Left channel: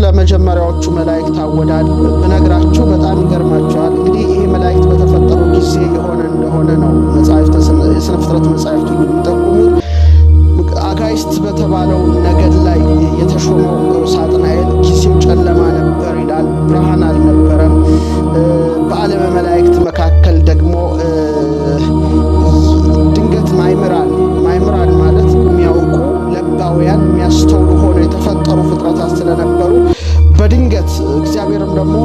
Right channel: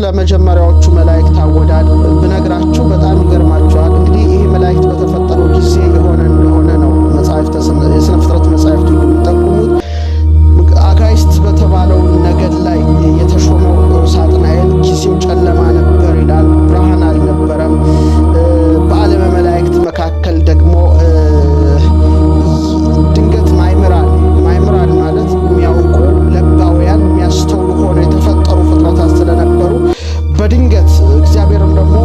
ለመጀመሪያዎቹ መላእክት አወዳድ ብነግራችሁ በጣም ይገርማችኋል። እንግዲህ ይሄ መላእክት በተፈጠሩ ጊዜ የሆነ እንደሆነ ነው የሥነ ፍጥረት መጻሕፍት ሁሉ የሚጠቁሙት። አጋዕዝት በተባለው ነገድ ላይ የተሾመው ሳጥናኤል ጊዜው ጨለማ ነበር ይላል፣ ብርሃን አልነበረም። በዓለመ መላእክት መካከል ደግሞ ድንገት ማይምራን ማለት የሚያውቁ ለባውያን የሚያስተውሉ ሆነው የተፈጠሩ ፍጥረታት ስለነበሩ በድንገት እግዚአብሔርም ደግሞ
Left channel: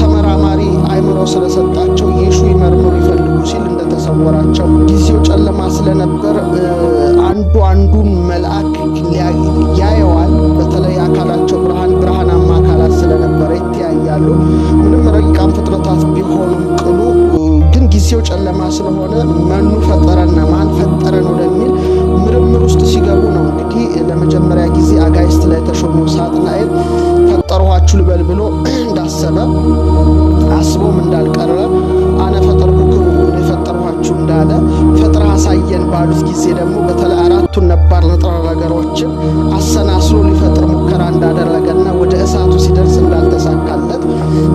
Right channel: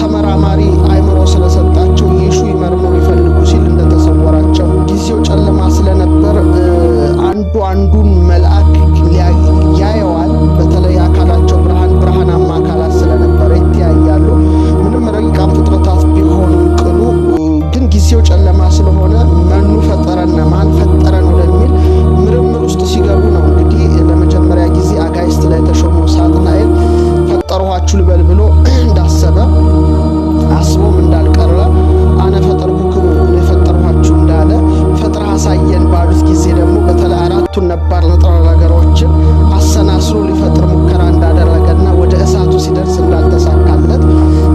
ተመራማሪ አእምሮ ስለሰጣቸው ይሹ ይመርምሩ ይፈልጉ ሲል እንደተሰወራቸው ጊዜው ጨለማ ስለነበር አንዱን መልአክ ያየዋል። በተለይ አካላቸው ብርሃናማ አካላት ስለነበረ ይተያያሉ። ምንም ረቂቃን ፍጥረታት ቢሆኑም ቅሉ ግን ጊዜው ጨለማ ስለሆነ መኑ ፈጠረን ማን ፈጠረን ወደሚል ምርምር ውስጥ ሲገቡ ነው እንግዲህ ለመጀመሪያ ጊዜ አጋዕዝት ላይ የተሾመው ሳጥናኤል ፈጠርኋችሁ ልበል ብሎ እንዳሰበ አስቦም እንዳልቀረ አነ ፈጠርኩክሙ እኔ ፈጠርኋችሁ እንዳለ ፈጥረህ አሳየን ባሉት ጊዜ ደግሞ በተለይ አራቱን ነባር ንጥረ ነገሮችን አሰናስሎ ሊፈጥር ሙከራ እንዳደረገና ወደ እሳቱ ሲደርስ እንዳልተሳካለት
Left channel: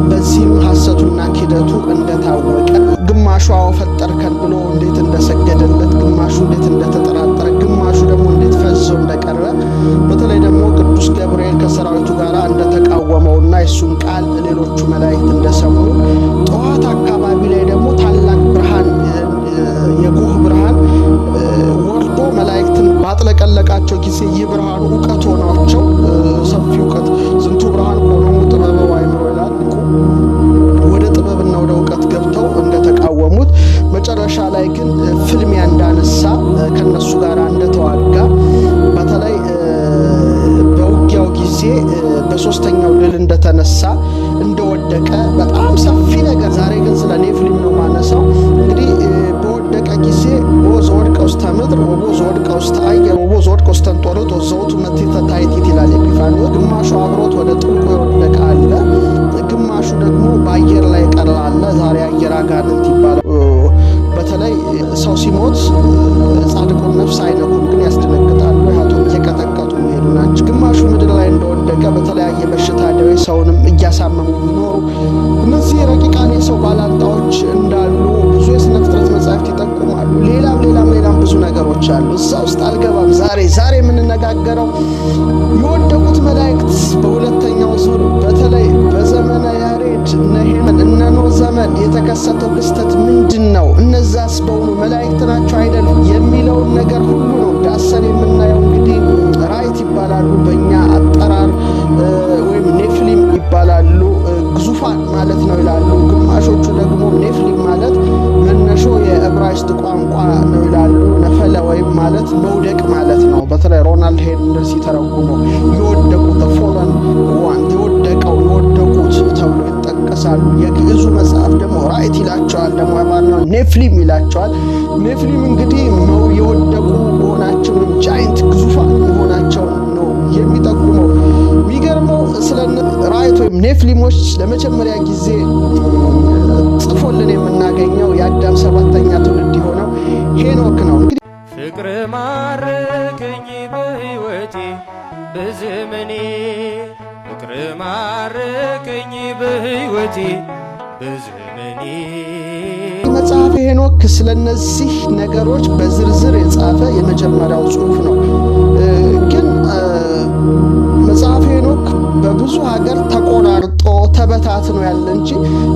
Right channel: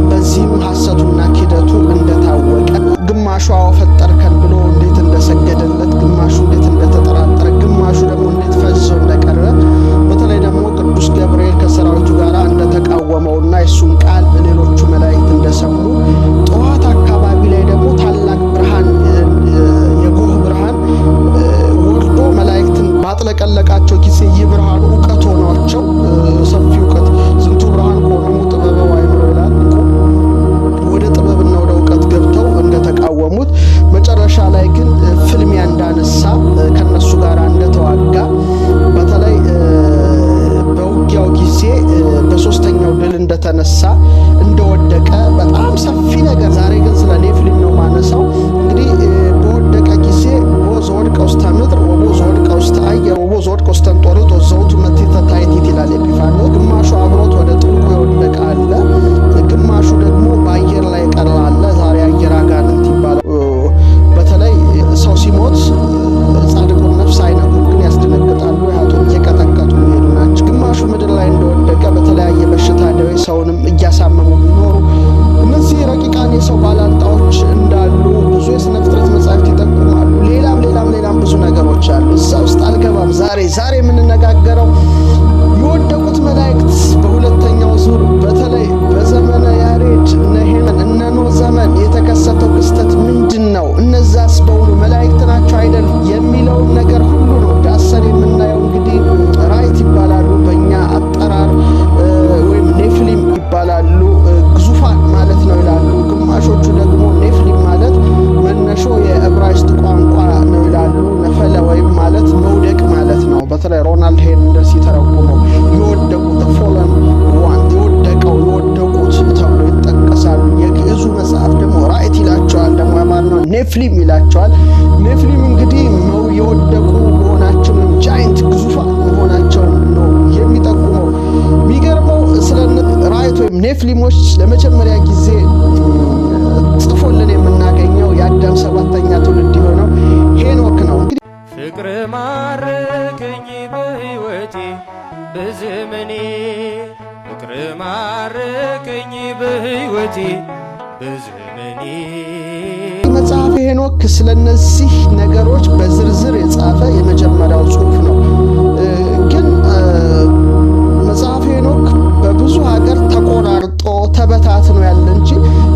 በዚህም ሐሰቱና ኪደቱ እንደታወቀ ግማሹ አዎ ፈጠርከን ብሎ እንዴት እንደሰገደለት፣ ግማሹ እንዴት እንደተጠራጠረ፣ ግማሹ ደግሞ እንዴት ፈዞ እንደቀረ በተለይ ደግሞ ቅዱስ ገብርኤል ከሰራዊቱ ጋር እንደተቃወመውና የሱን ቃል ሌሎቹ መላእክት እንደሰሙ ጠዋት አካባቢ ላይ ደግሞ ታላቅ ብርሃን የጎህ ብርሃን ወርዶ መላእክትን ባጥለቀለቃቸው ጊዜ የብርሃኑ ዕውቀት ሆኗቸው ሰፊ ዕውቀት ዝንቱ ብርሃን ቆኖሙ ጥበበ ወአእምሮ ይላል። ወደ ጥበብና ወደ ዕውቀት ገብተው እንደተቃወሙት መጨረሻ ላይ ግን ፍልሚያ እንዳነሳ ከነሱ ጋር እንደተዋጋ በተለይ በውጊያው ጊዜ በሶስተኛው ድል እንደተነሳ እንደወደቀ በጣም ሰፊ ነገር። ዛሬ ግን ስለ ኔፍሊም ነው ማነሳው። እንግዲህ በወደቀ ጊዜ ቦዝ ወድቀ ውስተ ምድር ወቦዝ ወድቀ ውስተ አየር ወቦዝ ወድቀ ውስተ እንጦርጦስ ዘውቱ መትሕተ ታሕቲት ይላል ኤጲፋንዮስ። ግማሹ አብሮት ወደ ጥልቁ የወደቀ አለ፣ ግማሹ ደግሞ በአየር ላይ ቀረ አለ። ዛሬ አየር አጋንንት ይባላል። በተለይ ሰው ሲሞት ጻድቁን ነፍስ አይነኩም፣ ግን ያስደነግጣሉ። ኃጥኡን እየቀጠቀጡ የሚሄዱ ናቸው። ግማሹ ምድር ላይ እንደወደቀ በተለያየ በሽታ ደዌ ሰውንም እያሳመሙ የሚኖሩ እነዚህ ረቂቃን የሰው ባላንጣዎች እንዳሉ ብዙ የሥነ ፍጥረት መጻሕፍት ይጠቁማሉ። ሌላም ብዙ ነገሮች አሉ። እዛ ውስጥ አልገባም። ዛሬ የምንነጋገረው የወደቁት መላእክት በሁለተኛው ዙር በተለይ በዘመነ ያሬድ እነ ኖህ ዘመን የተከሰተው ክስተት ምንድን ነው? እነዛስ በውኑ መላእክት ናቸው አይደል የሚለውን ነገር ሁሉ ነው ዳሰን የምናየው። እንግዲህ ራይት ይባላሉ በእኛ አጠራር ወይም ኔፍሊም ይባላሉ። ግዙፋን ማለት ነው ይላሉ። ግማሾቹ ደግሞ ኔፍሊም ማለት መነሾ የዕብራይስጥ ቋንቋ ነው ይላሉ። ነፈለ ወይም ማለት መውደቅ ማለት ነው። በተለይ ሮናልድ ሄንደርስ ሲተረጉመው የወደቁት ፎለን ዋን የወደቁት ተብሎ ይጠቀሳሉ። የግዕዙ መጽሐፍ ደግሞ ራይት ይላቸዋል፣ ደግሞ ያማርነው ኔፍሊም ይላቸዋል። ኔፍሊም እንግዲህ የወደቁ መሆናቸው ወይም ጃይንት ግዙፋን መሆናቸውን ነው የሚጠቁመው። የሚገርመው ስለ ራይት ወይም ኔፍሊሞች ለመጀመሪያ ጊዜ ጽፎልን የምናገኘው የአዳም 7ኛ ትውልድ የሆነው ሄኖክ ነው። እንግዲህ ፍቅር ማረከኝ በሕይወቴ በዘመኔ፣ ፍቅር ማረከኝ በሕይወቴ በዘመኔ። መጽሐፈ ሄኖክ ስለነዚህ ነገሮች በዝርዝር የጻፈ የመጀመሪያው ጽሑፍ ነው። ግን መጽሐፈ ሄኖክ በብዙ ሀገር ተቆራርጦ ተበታትኖ ያለ እንጂ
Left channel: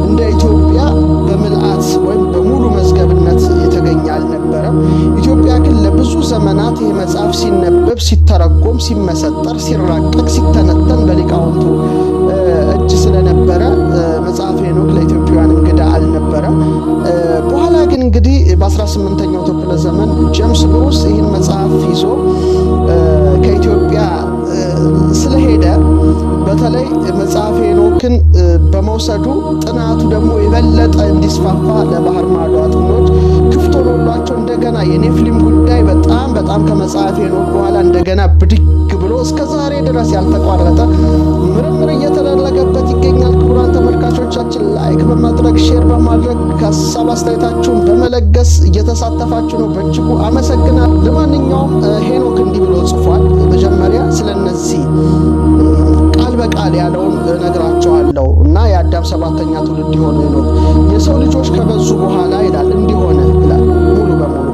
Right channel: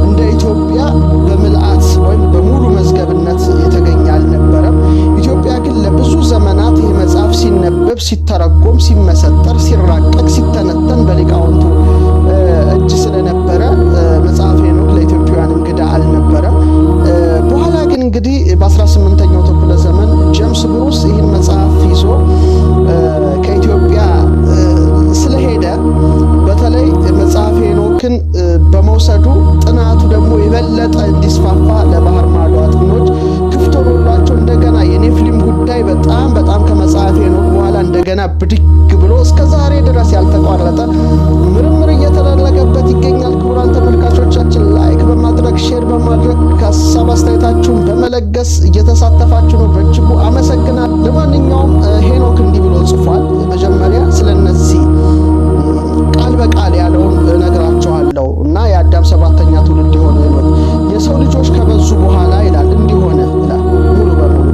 እንደ ኢትዮጵያ በምልአት ወይም በሙሉ መዝገብነት የተገኘ አልነበረም። ኢትዮጵያ ግን ለብዙ ዘመናት ይህ መጽሐፍ ሲነበብ፣ ሲተረጎም፣ ሲመሰጠር፣ ሲራቀቅ፣ ሲተነተን በሊቃውንቱ እጅ ስለነበረ መጽሐፈ ሄኖክ ለኢትዮጵያውያን እንግዳ አልነበረም። በኋላ ግን እንግዲህ በ18ኛው ክፍለ ዘመን ጄምስ ብሩስ ይህን መጽሐፍ ይዞ ከኢትዮጵያ ስለሄደ በተለይ መጽሐፈ ሄኖክን በመውሰዱ ጥናቱ ደግሞ የበለጠ እንዲስፋፋ ለባህር ማዶ አጥኞች ክፍት ሆኖላቸው እንደገና የኔፍሊም ጉዳይ በጣም ከመጽሐፈ ሄኖክ በኋላ እንደገና ብድግ ብሎ እስከ ዛሬ ድረስ ያልተቋረጠ ምርምር እየተደረገበት ይገኛል። ክቡራን ተመልካቾቻችን ላይክ በማድረግ ሼር በማድረግ ሀሳብ አስተያየታችሁን በመለገስ እየተሳተፋችሁ ነው። በእጅጉ አመሰግናለሁ። ለማንኛውም ሄኖክ እንዲህ ብሎ ጽፏል። መጀመሪያ ስለነዚህ ቃል በቃል ያለውን እነግራችኋለሁ እና የአዳም 7ኛ ትውልድ የሆነው ሄኖክ የሰው ልጆች ከበዙ በኋላ ይላል እንዲሆነ ይላል ሙሉ በሙሉ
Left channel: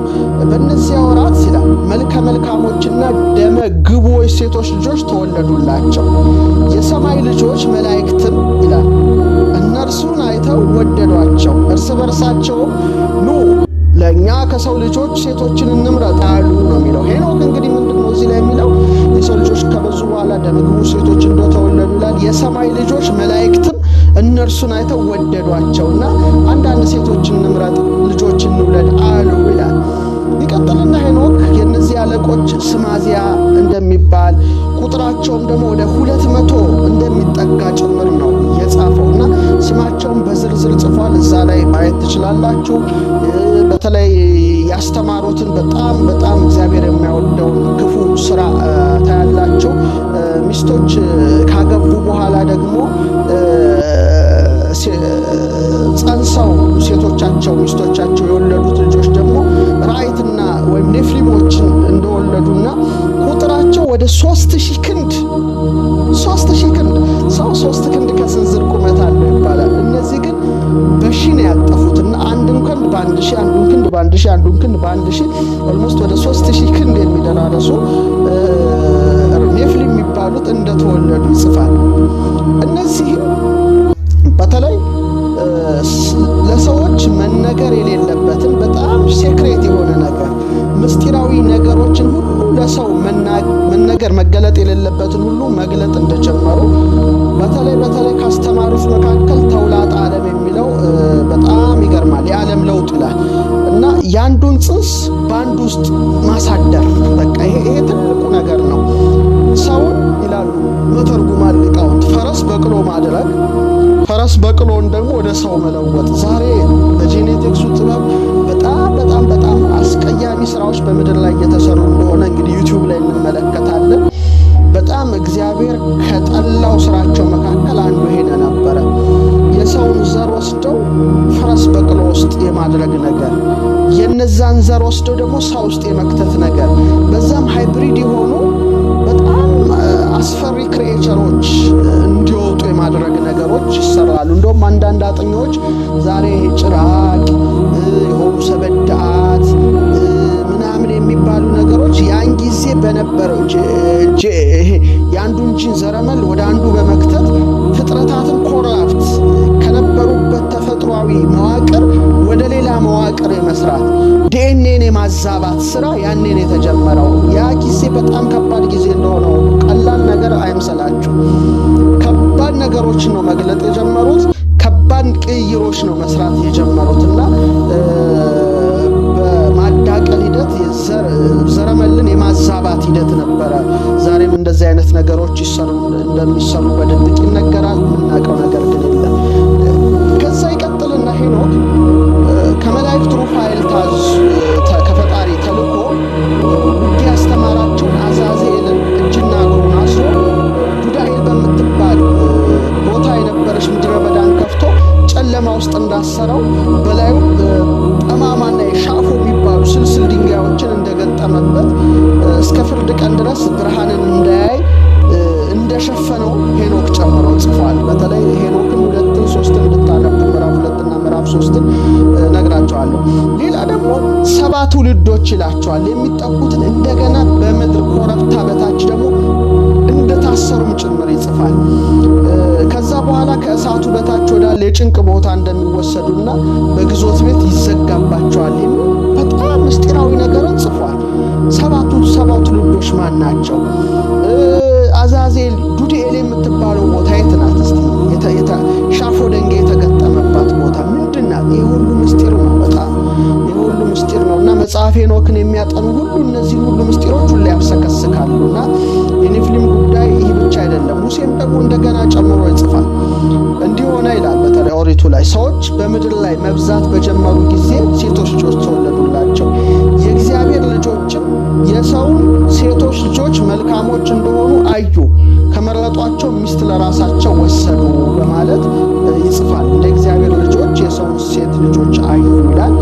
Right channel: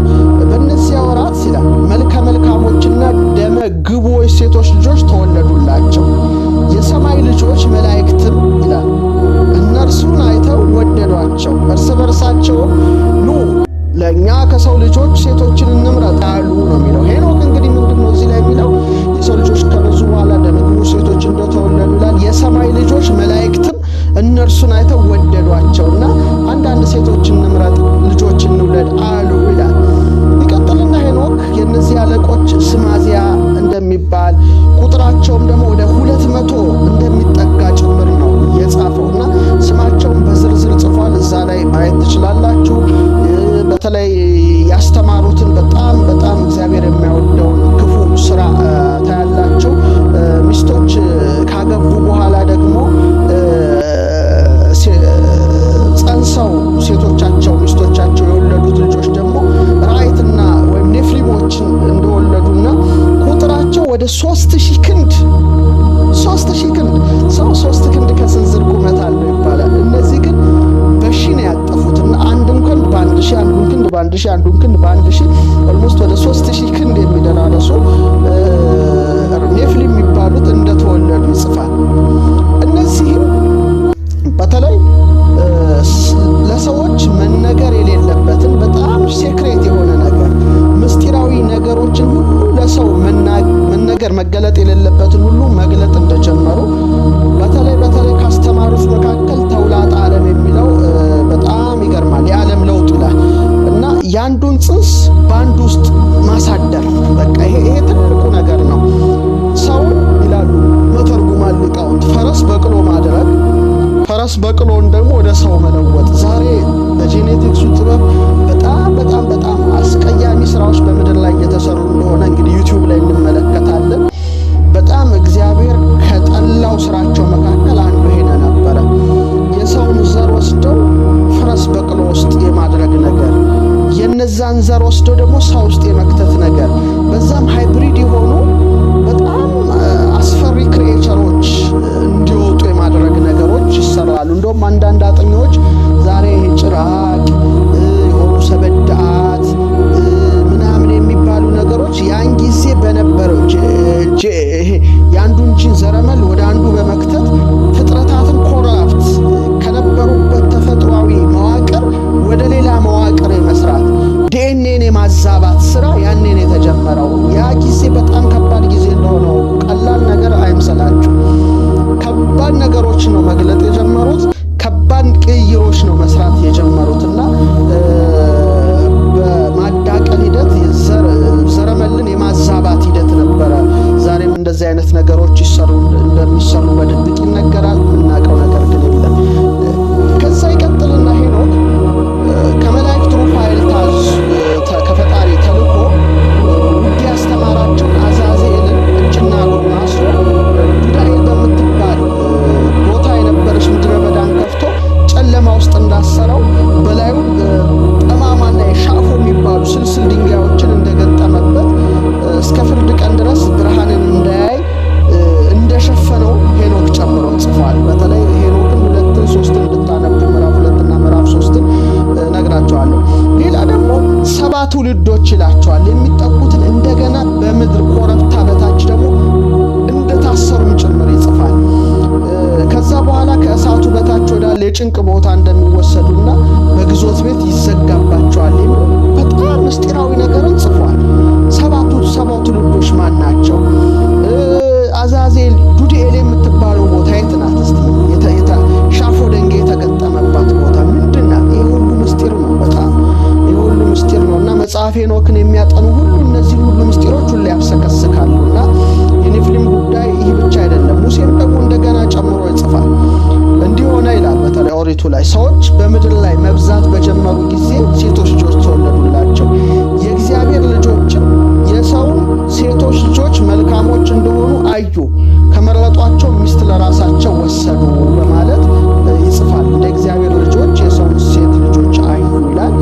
በእነዚያ ወራት ይላል መልከ መልካሞችና ደመ ግቦች ሴቶች ልጆች ተወለዱላቸው። የሰማይ ልጆች መላእክትም ይላል እነርሱን አይተው ወደዷቸው። እርስ በርሳቸው ኑ ለእኛ ከሰው ልጆች ሴቶችን እንምረጥ አሉ ነው የሚለው። ሄኖክ እንግዲህ ምንድነው እዚህ ላይ የሚለው የሰው ልጆች ከበዙ በኋላ ደመ ግቡር ሴቶች እንደተወለዱ ይላል። የሰማይ ልጆች መላእክትም እነርሱን አይተው ወደዷቸውና አንዳንድ ሴቶችን እንምረጥ ልጆች እንውለድ አሉ ይላል። ይቀጥልና ሄኖክ የነዚህ አለቆች ስማዚያ እንደሚባል ቁጥራቸውም ደግሞ ወደ 200 እንደሚጠጋ ጭምር ነው የጻፈውና ስማቸውን በዝርዝር ጽፏል። እዛ ላይ ማየት ትችላላችሁ። በተለይ ያስተማሩትን በጣም እግዚአብሔር የሚያወደውን ክፉ ስራ ታያላችሁ። ሚስቶች ካገቡ በኋላ ደግሞ ጸንሰው ሚስቶቻቸው የወለዱት ልጆች ደግሞ ራእይትና ወይም ኔፍሊሞችን እንደወለዱና ቁጥራቸው ወደ 3000 ክንድ 3000 ክንድ ሰው 3 ክንድ ከስንዝር ቁመት አለው ይባላል። እነዚህ ግን በሺ ነው ያጠፉትና አንዱን ክንድ በ1000 አንዱን ክንድ በ1000 አንዱን ክንድ በ1000 ኦልሞስት ወደ 3000 ክንድ የሚደራረሱ ኔፍሊም የሚባሉት እንደተወለዱ ይጽፋል። እነዚህም በተለይ ለሰዎች መነገር የሌለበትን በጣም ሴክሬት የሆነ ነገር ምስጢራዊ ነገሮችን ሁሉ ለሰው መነገር መገለጥ የሌለበትን ሁሉ መግለጥ እንደጀመሩ በተለይ ካስተማሩት መካከል ተውላጠ ዓለም የሚለው በጣም ይገርማል። የዓለም ለውጥ ይላል እና ያንዱን ጽንስ በአንዱ ውስጥ ማሳደር በቃ ይሄ ትልቁ ነገር ነው። ሰውን ይላሉ መተርጉማን ሊቃውንት ፈረስ በቅሎ ማድረግ ፈረስ በቅሎን ደግሞ ወደ ሰው መለወጥ። ዛሬ በጄኔቲክሱ ጥበብ በጣም አስቀያሚ ስራዎች በምድር ላይ እየተሰሩ እንደሆነ እንግዲህ ዩቲዩብ ላይ እንመለከታለን። በጣም እግዚአብሔር ከጠላው ስራቸው መካከል አንዱ ይሄን ነበረ። የሰውን ዘር ወስደው ፈረስ በቅሎ ውስጥ የማድረግ ነገር፣ የነዛን ዘር ወስደው ደግሞ ሰው ውስጥ የመክተት ነገር፣ በዛም ሃይብሪድ የሆኑ በጣም አስፈሪ ክሪኤቸሮች እንዲወጡ የማድረግ ነገሮች ይሰራሉ። እንደውም አንዳንድ አጥኚዎች ዛሬ ጭራቅ የሆኑ ሰበዳት ምናምን የሚባሉ ነገሮች ያን ጊዜ በነበረው የአንዱን ጂን ዘረመል ወደ አንዱ በመክተት ፍጥረታትን ኮራፕት ከነበሩበት ተፈጥሯዊ መዋቅር ወደ ሌላ መዋቅር የመስራት ዲኤንኤን የማዛባት ስራ ያኔን የተጀመረው። ያ ጊዜ በጣም ከባድ ጊዜ እንደሆነ ቀላል ነገር አይምሰላችሁ። ከባድ ነገሮች ነው መግለጥ የጀመሩት። ከባድ ቅይሮች ነው መስራት የጀመሩትና በማዳቀል ሂደት ዘረመልን የማዛባት ሂደት ነበረ። ዛሬም እንደዚህ አይነት ነገሮች እንደሚሰሩ በድብቅ ይነገራል። የምናውቀው ነገር ግን የለም። ከዛ ይቀጥልና ሄኖክ ከመላእክት ሩፋኤል ከፈጣሪ ተልኮ ውጊያ ያስተማራቸውን አዛዜልን እጅና እግሩን አስሮ ዱዳኤል በምትባል ቦታ የነበረች ምድረ በዳን ከፍቶ ጨለማ ውስጥ እንዳሰረው በላዩ ጠማማና የሻፎ የሚባሉ ስልስል ድንጋዮችን እንደገጠመበት እስከ ፍርድ ቀን ድረስ ብርሃንን እንዳያይ እንደሸፈነው ሄኖክ ጨምሮ ጽፏል። በተለይ ሄኖክን 2ን 3ን እንድታነቡ ምዕራፍ 2 እና ምዕራፍ 3ን ነግራቸዋለሁ። ሌላ ደግሞ 7 ትውልዶች ይላቸዋል። የሚጠቁትን እንደገና በምድር ኮረብታ በታች ደግሞ እንደታሰሩም ጭምር ይጽፋል። ከዛ በኋላ ከእሳቱ በታች ወዳለ የጭንቅ ቦታ እንደሚወሰዱና በግዞት ቤት ይዘጋባቸዋል የሚል በጣም ምስጢራዊ ነገርን ጽፏል። 7 ትውልዶች ማን ናቸው? አዛዜል ዱዳኤል የምትባለው ቦታ የት ናት? እስቲ ሻፎ ደንጋይ የተገጠመባት ቦታ ምንድን ናት? ይህ ሁሉ ምስጢር ነው። በጣም ይህ ሁሉ ምስጢር ነው እና መጽሐፈ ሄኖክን የሚያጠኑ ሁሉ እነዚህ ሁሉ ምስጢሮች ሁሉ ያብሰከስካሉና የኔፍሊም ጉዳይ ይህ ብቻ አይደለም። ሙሴም ደግሞ እንደገና ጨምሮ ይጽፋል። እንዲህ ሆነ ይላል። በተለይ ኦሪቱ ላይ ሰዎች በምድር ላይ መብዛት በጀመሩ ጊዜ ሴቶች ልጆች ተወለዱላቸው። የእግዚአብሔር ልጆችም የሰውን ሴቶች ልጆች መልካሞች እንደሆኑ አዩ፣ ከመረጧቸው ሚስት ለራሳቸው ወሰዱ በማለት ይጽፋል። እንደ እግዚአብሔር ልጆች የሰውን ሴት ልጆች አዩ ይላል።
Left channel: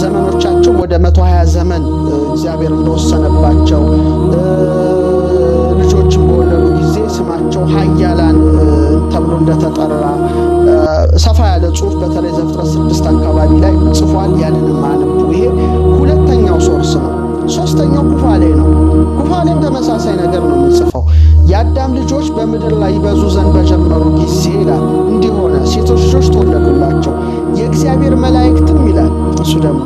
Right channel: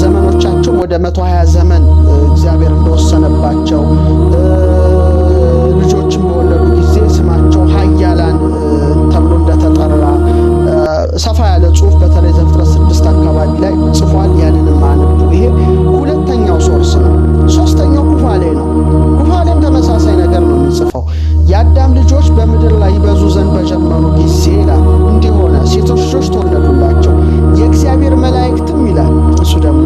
ዘመኖቻቸውም ወደ 120 ዘመን እግዚአብሔር እንደወሰነባቸው ልጆችን በወለዱ ጊዜ ስማቸው ኃያላን ተብሎ እንደተጠራ ሰፋ ያለ ጽሑፍ በተለይ ዘፍጥረት 6 አካባቢ ላይ ጽፏል። ያንንም አንቡ። ይሄ ሁለተኛው ሶርስ ነው። ሶስተኛው ኩፋሌ ነው። ኩፋሌም ተመሳሳይ ነገር ነው የሚጽፈው። የአዳም ልጆች በምድር ላይ ይበዙ ዘንድ በጀመሩ ጊዜ ይላል እንዲህ ሆነ፣ ሴቶች ልጆች ተወለዱላቸው፣ የእግዚአብሔር መላእክትም ይላል። እሱ ደግሞ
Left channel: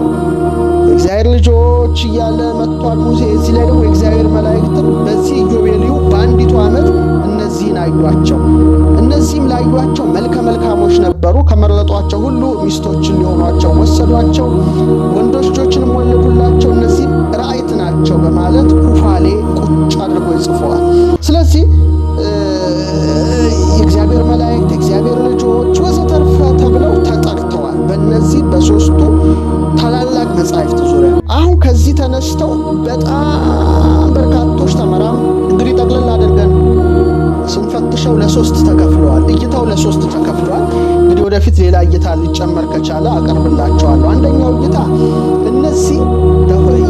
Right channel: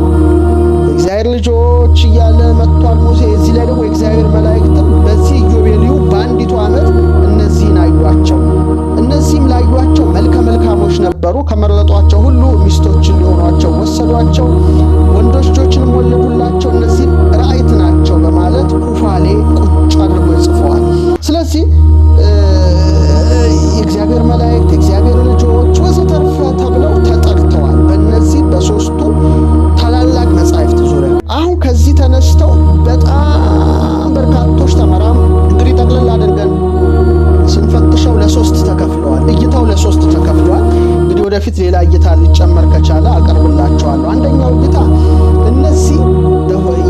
የእግዚአብሔር ልጆች እያለ መጥቷል ሙሴ። እዚህ ላይ ደግሞ የእግዚአብሔር መላእክትም በዚህ ኢዮቤልዩ በአንዲቱ ዓመት እነዚህን አዩአቸው። እነዚህም ላዩአቸው መልከ መልካሞች ነበሩ። ከመረጧቸው ሁሉ ሚስቶችን ሊሆኗቸው ወሰዷቸው፣ ወንዶች ልጆችንም ወለዱላቸው። እነዚህም ራእይት ናቸው በማለት ኩፋሌ ቁጭ አድርጎ ይጽፈዋል። ስለዚህ የእግዚአብሔር መላእክት፣ የእግዚአብሔር ልጆች ወዘተርፈ ተብለው ተጠርተዋል በእነዚህ በሶስቱ ታላላቅ መጻሕፍት ዙሪያ። አሁን ከዚህ ተነስተው በጣም በርካቶች ተመራም እንግዲህ ጠቅልል አድርገን ስንፈትሸው ለሶስት ተከፍለዋል። እይታው ለሶስት ተከፍሏል። እንግዲህ ወደፊት ሌላ እይታ ሊጨመር ከቻለ አቀርብላቸዋለሁ። አንደኛው እይታ እነዚህ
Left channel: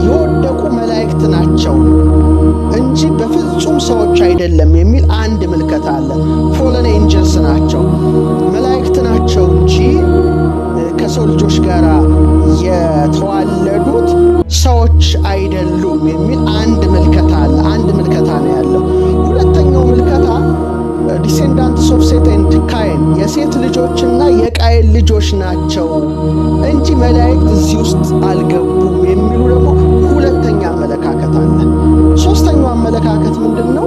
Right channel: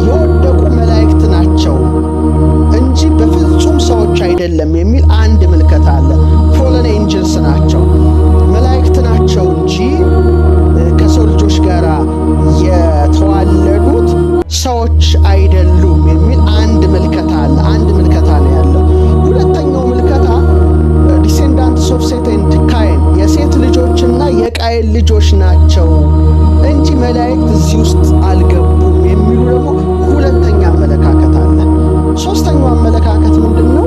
የወደቁ መላእክት ናቸው እንጂ በፍጹም ሰዎች አይደለም የሚል አንድ ምልከታ አለ። ፎለን ኤንጅልስ ናቸው፣ መላእክት ናቸው እንጂ ከሰው ልጆች ጋር የተዋለዱት ሰዎች አይደሉም የሚል አንድ ምልከታ አለ። አንድ ምልከታ ነው ያለው። ሁለተኛው ምልከታ ዲሴንዳንትስ ኦፍ ሴት ኤንድ ካይን የሴት ልጆችና የቃየን ልጆች ናቸው እንጂ መላእክት እዚህ ውስጥ አልገቡም የሚሉ ደግሞ ሁለተኛ አመለካከት አለ። ሶስተኛው አመለካከት ምንድነው?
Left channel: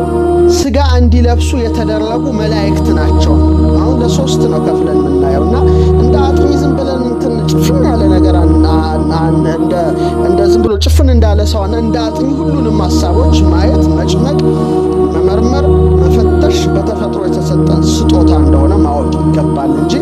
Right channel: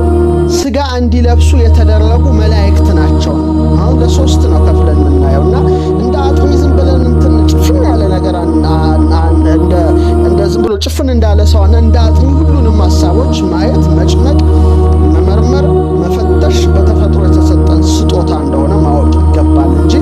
ስጋ እንዲለብሱ የተደረጉ መላእክት ናቸው። አሁን ለሶስት ነው ከፍለን የምናየውና እንደ አጥሚ ዝም ብለን እንትን ጭፍን ያለ ነገር እንደ ዝም ብሎ ጭፍን እንዳለ ሰውና እንደ አጥሚ ሁሉንም ሐሳቦች ማየት፣ መጭመቅ፣ መመርመር፣ መፈተሽ በተፈጥሮ የተሰጠን ስጦታ እንደሆነ ማወቅ ይገባል እንጂ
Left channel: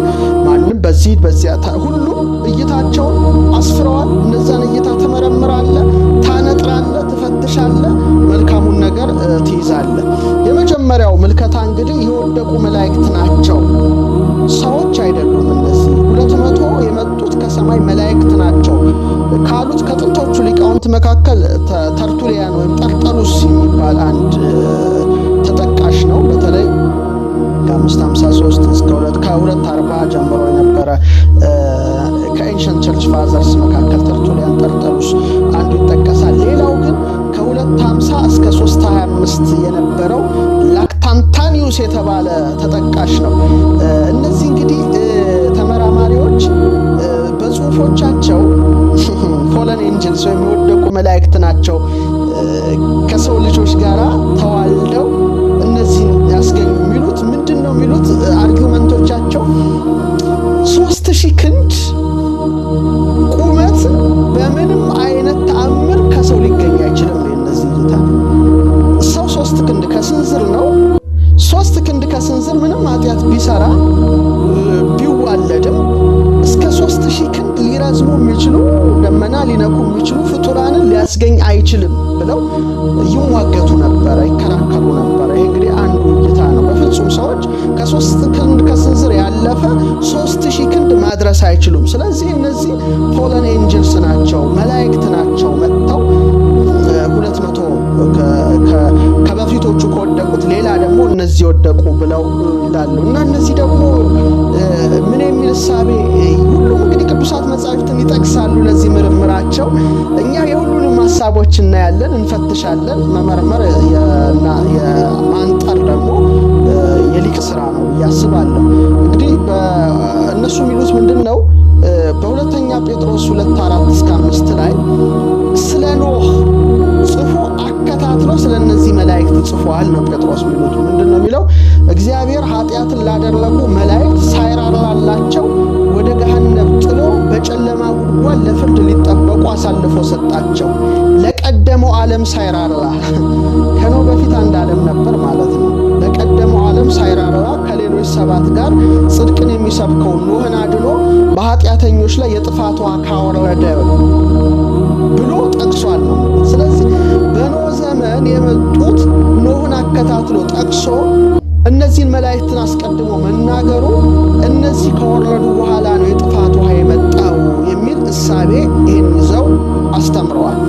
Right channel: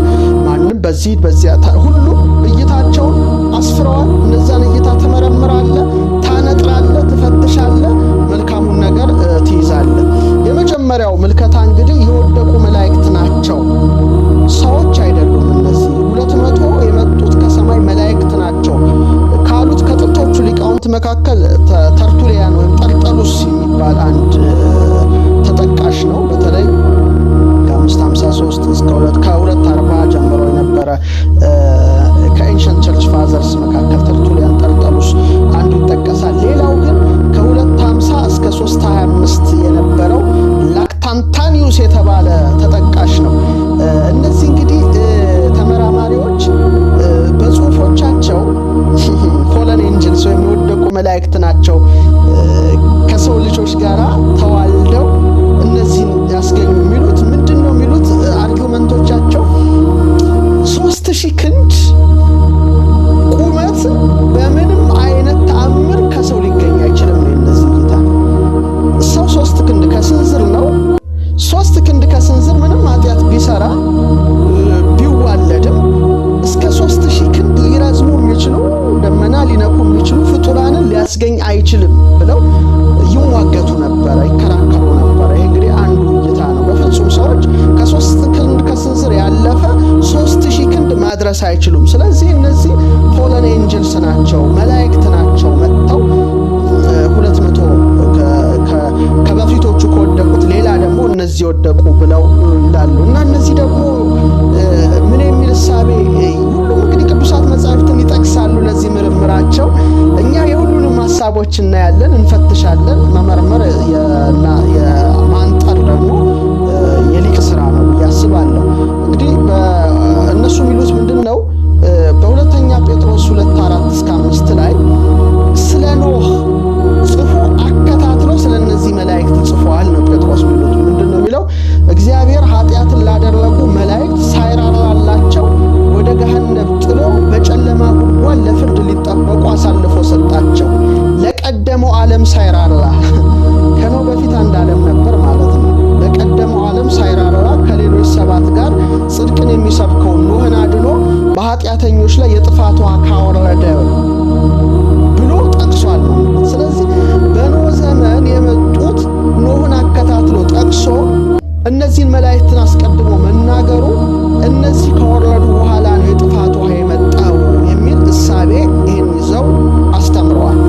ማንም በዚያ ሁሉም እይታቸውን አስፍረዋል። እነዛን እይታ ትመረምራለህ፣ ታነጥራለህ፣ ትፈትሻለህ፣ መልካሙን ነገር ትይዛለህ። የመጀመሪያው ምልከታ እንግዲህ የወደቁ መላእክት ናቸው፣ ሰዎች አይደሉም። እነዚህ 200 የመጡት ከሰማይ መላእክት ናቸው ካሉት ከጥንቶቹ ሊቃውንት መካከል ተርቱሊያን ወይም ጠርጠሉስ የሚባል አንድ ተጠቃሽ ነው። በተለይ ከ553 እስከ 240 ጀምሮ የነበረ ከኤንሸንት ቸርች ፋዘርስ መካከል ተርቱሊያን ጠርጠሉስ አንዱ ይጠቀሳል። ሌላው ግን ከ250 እስከ 325 የነበረው ላክታንታኒዩስ የተባለ ተጠቃሽ ነው። እነዚህ እንግዲህ ተመራማሪዎች በጽሁፎቻቸው ፎለን ኤንጅልስ ወይም የወደቁ መላእክት ናቸው ከሰው ልጆች ጋር ተዋልደው እነዚህን ያስገኙ የሚሉት ምንድን ነው የሚሉት አርጊውመንቶቻቸው 3000 ክንድ ቁመት በምንም አይነት ተአምር ከሰው ሊገኝ አይችልም ነው የነዚህ እይታ። ሰው 3 ክንድ ከስንዝር ነው። 3 ክንድ ከስንዝር ምንም ኃጢአት ቢሰራ ቢዋለድም እስከ 3000 ክንድ ሊረዝሙ የሚችሉ ደመና ሊነኩ የሚችሉ ፍጡራንን ሊያስገኝ አይችልም ብለው ይሟገቱ ነበረ፣ ይከራከሩ ነበረ። ይሄ እንግዲህ አንዱ እይታ ነው። በፍጹም ሰዎች ከ3 ክንድ ከስንዝር ያለፈ 3000 ክንድ ማድረስ አይችሉም። ስለዚህ እነዚህ ፎለን ኤንጅልስ ናቸው፣ መላእክት ናቸው። መጥተው 200 ከበፊቶቹ ከወደቁት ሌላ ደግሞ እነዚህ ወደቁ ብለው ይላሉ። እና እነዚህ ደግሞ ምን የሚል እሳቤ ሁሉም እንግዲህ ቅዱሳት መጻሕፍትን ይጠቅሳሉ ለዚህ ምርምራቸው። እኛ የሁሉንም ሐሳቦች እናያለን፣ እንፈትሻለን። መመርመር እና የማንጠር ደግሞ የሊቅ ስራ ነው ብዬ አስባለሁ። እንግዲህ እነሱ የሚሉት ምንድነው? በሁለተኛ ጴጥሮስ 2:4-5 ላይ ስለ ኖህ ጽፎ አከታትሎ ስለ እነዚህ መላእክት ጽፏል ነው ጴጥሮስ የሚሉት። ምንድነው የሚለው? እግዚአብሔር ኃጢአትን ላደረጉ መላእክት ሳይራራላቸው ወደ ገሃነም ጥሎ በጨለማ ጉድጓድ ለፍርድ ሊጠበቁ አሳልፎ ሰጣቸው። ለቀደመው ዓለም ሳይራራ ከኖህ በፊት አንድ ዓለም ነበር ማለት ነው። ለቀደመው ዓለም ሳይራራ ከሌሎች 7 ጋር ጽድቅን የሚሰብከው ኖህን አድኖ በኃጢአተኞች ላይ የጥፋት ውሃ ካወረደ ብሎ ጠቅሷል ነው። ስለዚህ በኖህ ዘመን የመጡት ኖህን አከታትሎ ጠቅሶ እነዚህን መላእክትን አስቀድሞ መናገሩ እነዚህ ከወረዱ በኋላ ነው የጥፋት ውሃ የመጣው የሚል እሳቤ ይህን ይዘው አስተምረዋል።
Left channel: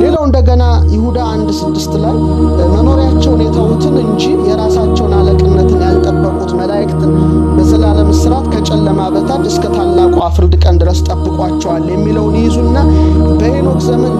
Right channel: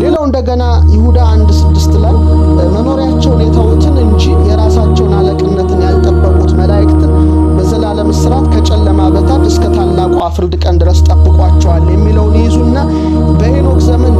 ሌላው እንደገና ይሁዳ 1:6 ላይ መኖሪያቸውን የተዉትን እንጂ የራሳቸውን አለቅነትን ያልጠበቁት መላእክትን በዘላለም እስራት ከጨለማ በታች እስከ ታላቁ ፍርድ ቀን ድረስ ጠብቋቸዋል የሚለውን ይይዙና በሄኖክ ዘመን